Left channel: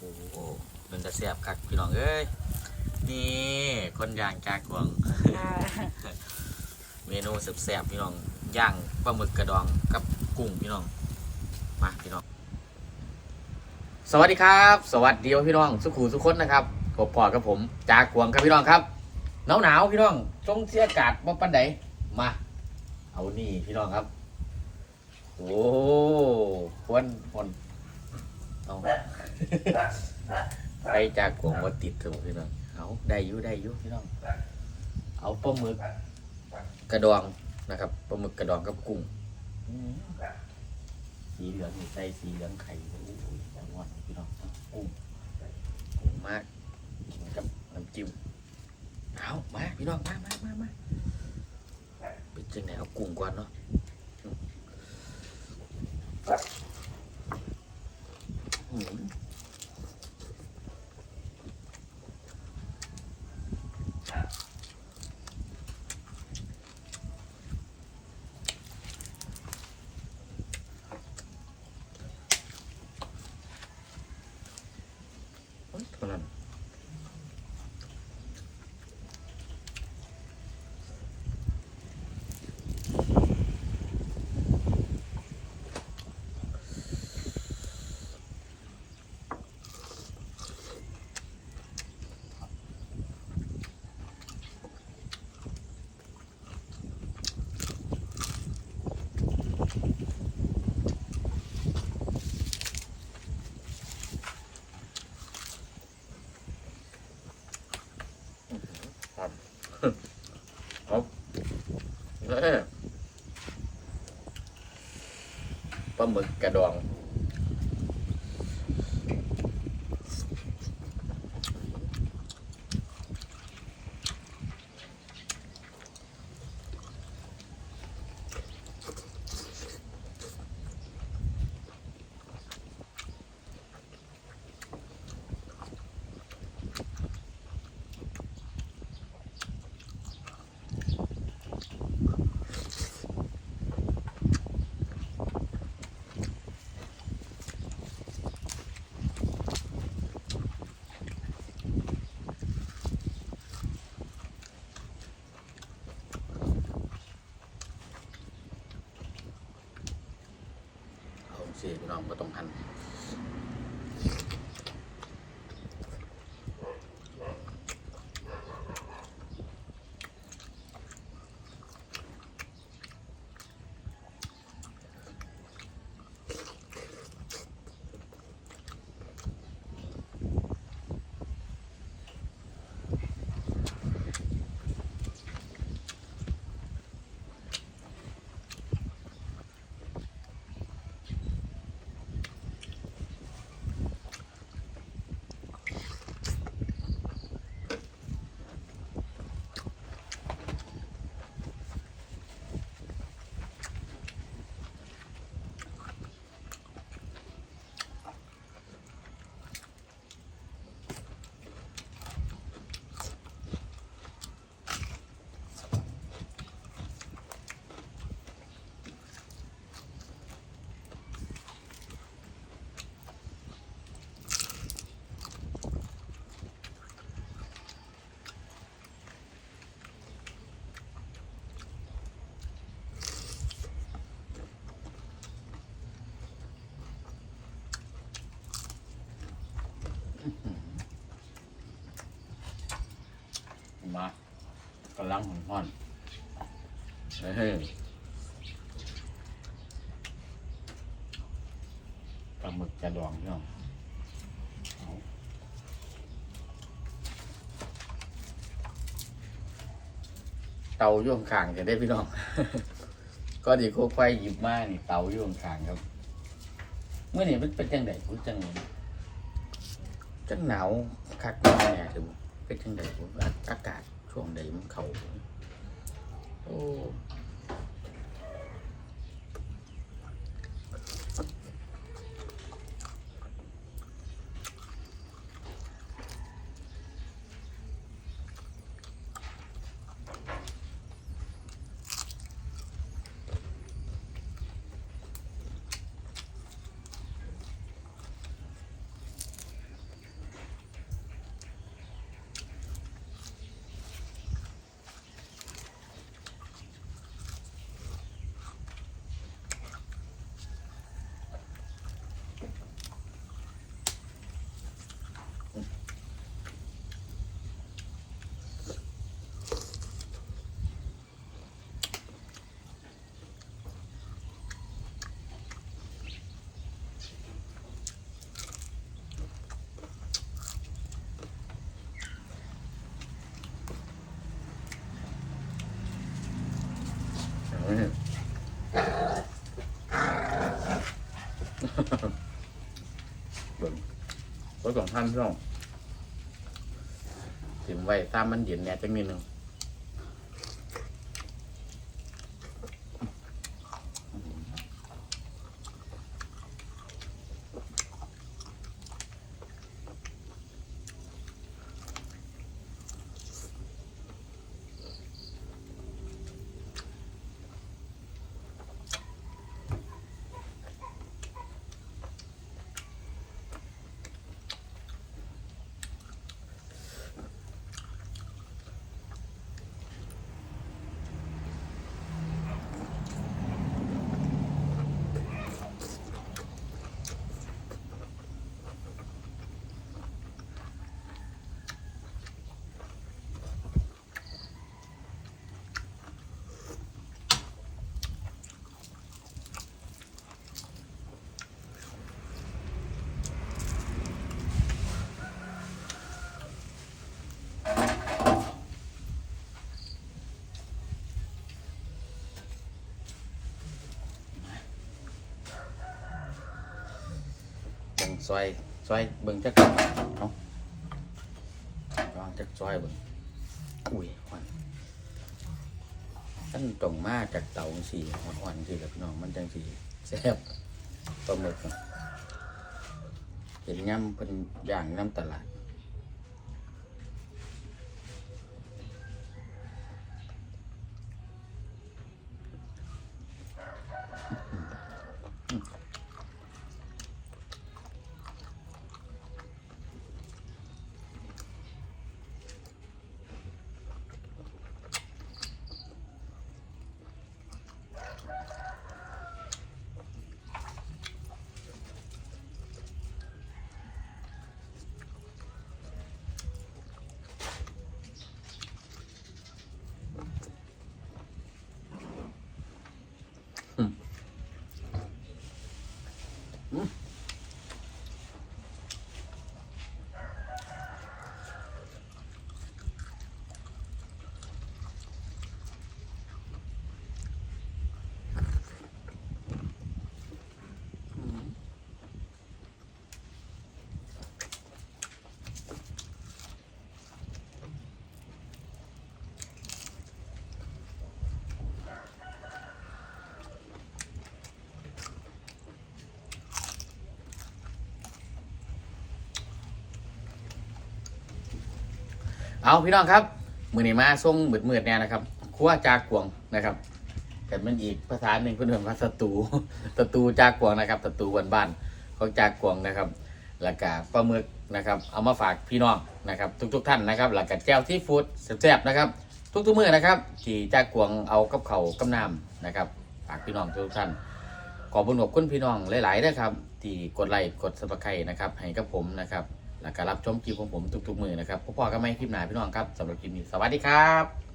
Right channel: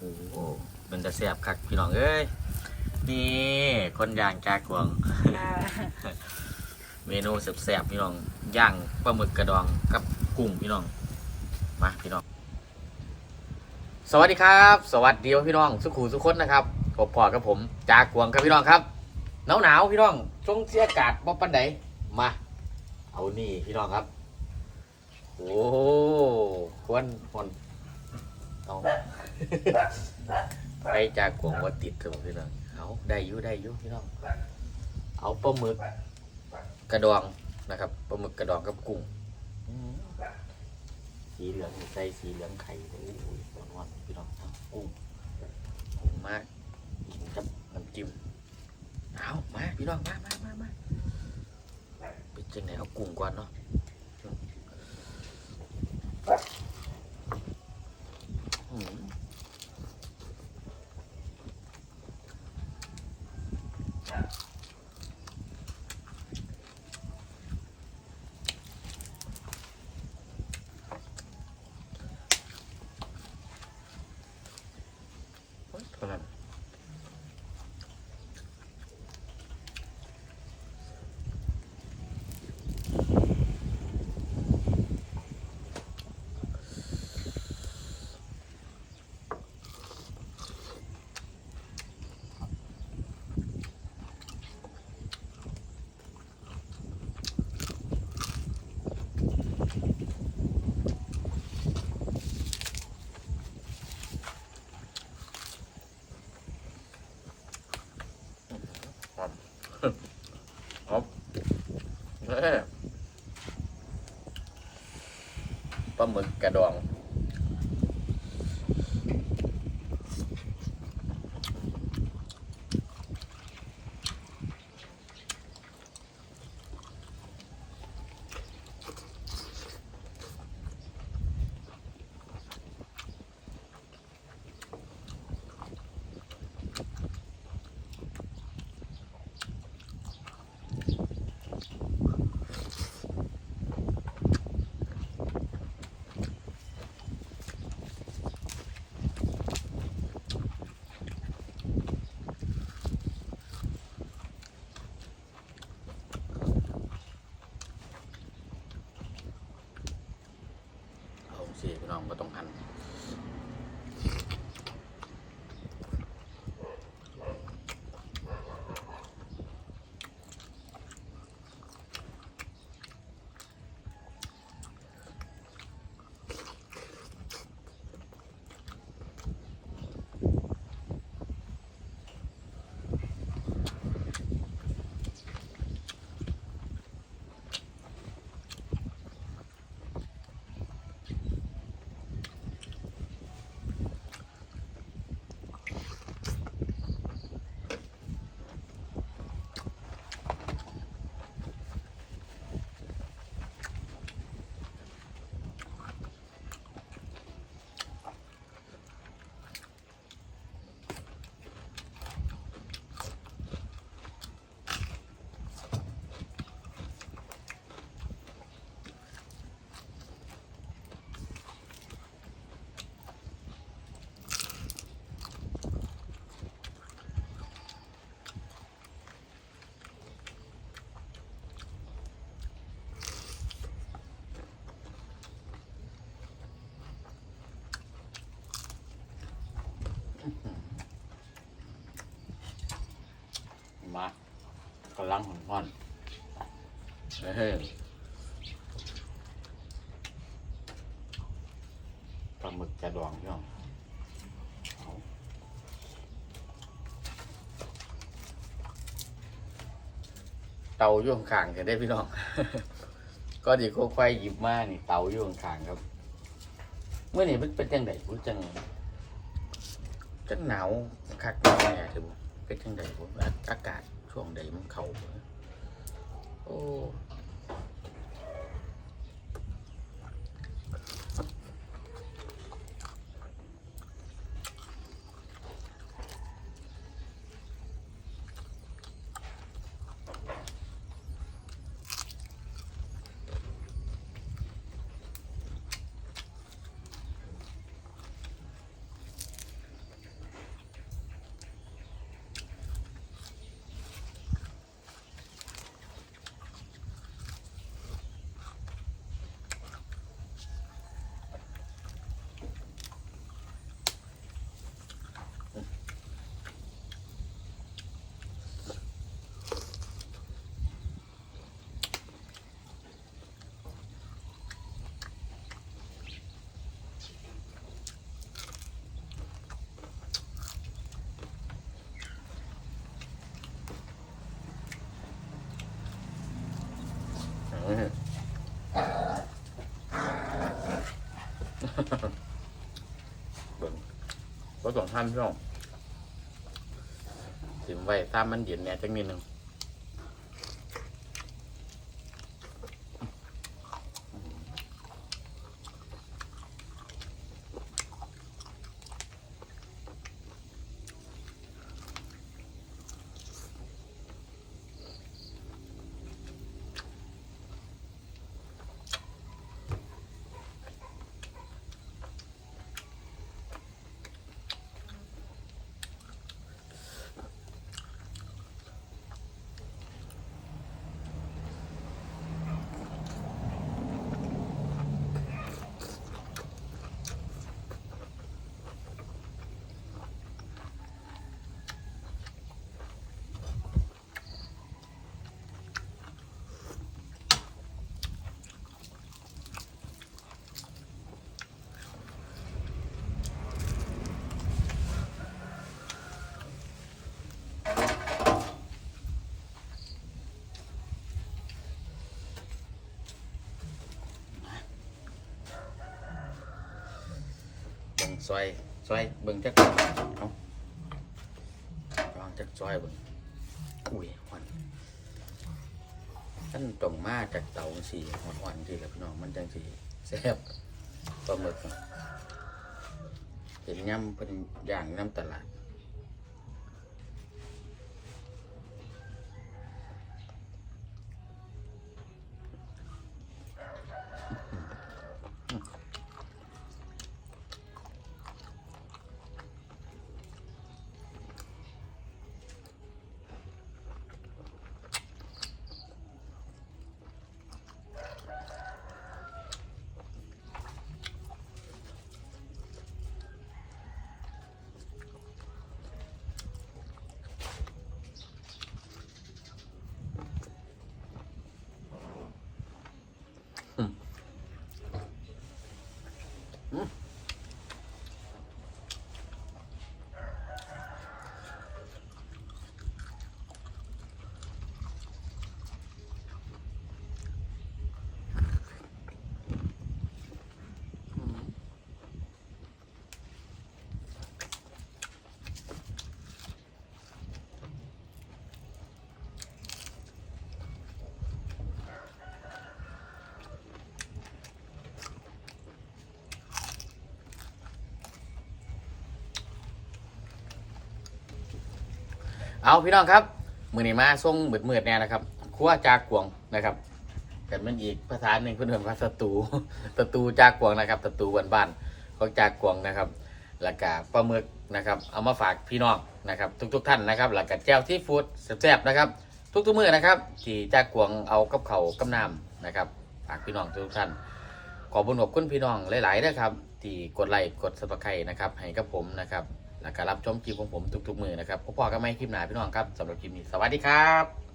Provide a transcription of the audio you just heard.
โอ้โหเป็นตะเสียบคักพี่น้องเอ้ยนี่คนย่างจากวงค่ะเมนูแซ่บๆพี่น้องย่างปลาหมึกกระดองกับกุ้งพี่น้องมาพี่น้อง สวัสดีครับ สวัสดีพี่น้องสุขูสุขคนนะครับพบพอกับผมจากกวงครับพี่น้องครับหนาวหนาวๆพี่น้องทรงเสียอากาศบ่ปันใดมา เอานี่พี่น้องครับ โอ้ควนฟอนเอา ไปจากกวงว่าติดเถอะพี่น้องเอาได้ยู่ได้ยู่พี่น้อง เอาปลาหมึกกระดองนะครับปลาหมึกกระดองกับกุ้งสีเหลืองใส่สีเหลืองไข่โอ้ยหวานพี่น้องกุ้งกุ้งมากกินกับน้ำจิ้มเอามาพี่น้องมามามามาเป็นจังไหนเอากุ้งก่อนเนาะอืม โอ๊ยเท่านั้นเอ้ย ปลาหมึกกระดองเอา สิพี่น้องก็ต้องหัน มากำลังหุ่นพ่อนเฮ้ยปลาหมึกกระดองพี่น้องเตาอยู่ข้างกันได้พี่น้อง ก็ดีค่อยหยิบมานี่เตาอยู่ข้างครับ เมื่อนี้เป็นจังไดผมจังจังหนาวคักแน่ถึง เป็นจังไดผมอากาศช่วงใดมันเข้าโอ้ เบิ่งก็สองท่านพี่น้องถึงไว้ตามมันเย็นเนี่ยจะมีหนึ่ง ซอยซอยเบิ่งจักเอาลองจักซอยเบิ่งอุ้ยหอนท่านต้องมาจากเตาสีอ่อนๆสิครับพี่น้องมันจังสีแซ่บปลาหมึกเห็นย่ำเป็นย่างน้ำตลาด เอาพี่น้องครับมือนี้มาส่งมืดมืดแน่นะครับครัวจากกวงนะครับกันมันอีกภาษาหนึ่งเพื่อนๆภาษาตูตะตูจากกวงนะครับตะตูบ้านบ้านของจากกวงนะครับแล้วก็ปลาหมึกนะครับ เอามาฝากพี่น้องนะครับ ทุก ๆ ท่านนะครับแล้วก็แจ่วที่ฟู้ดแซ่บๆนะครับทุกๆมื้อนะครับที่จากกวงเอากับเขากับน้ำนะครับ ฝากพี่น้องทุกท่าน ขอบุญขอบคุณพี่น้องหลายๆนะครับ ที่กดไลค์กดซับสไครต์นะครับให้กับผมนะครับ แล้วก็รับชมคลิปของผมทุกๆมือนะครับพบกันใหม่คลิปหน้าพี่น้องครับสำหรับคลิปนี้สวัสดีครับ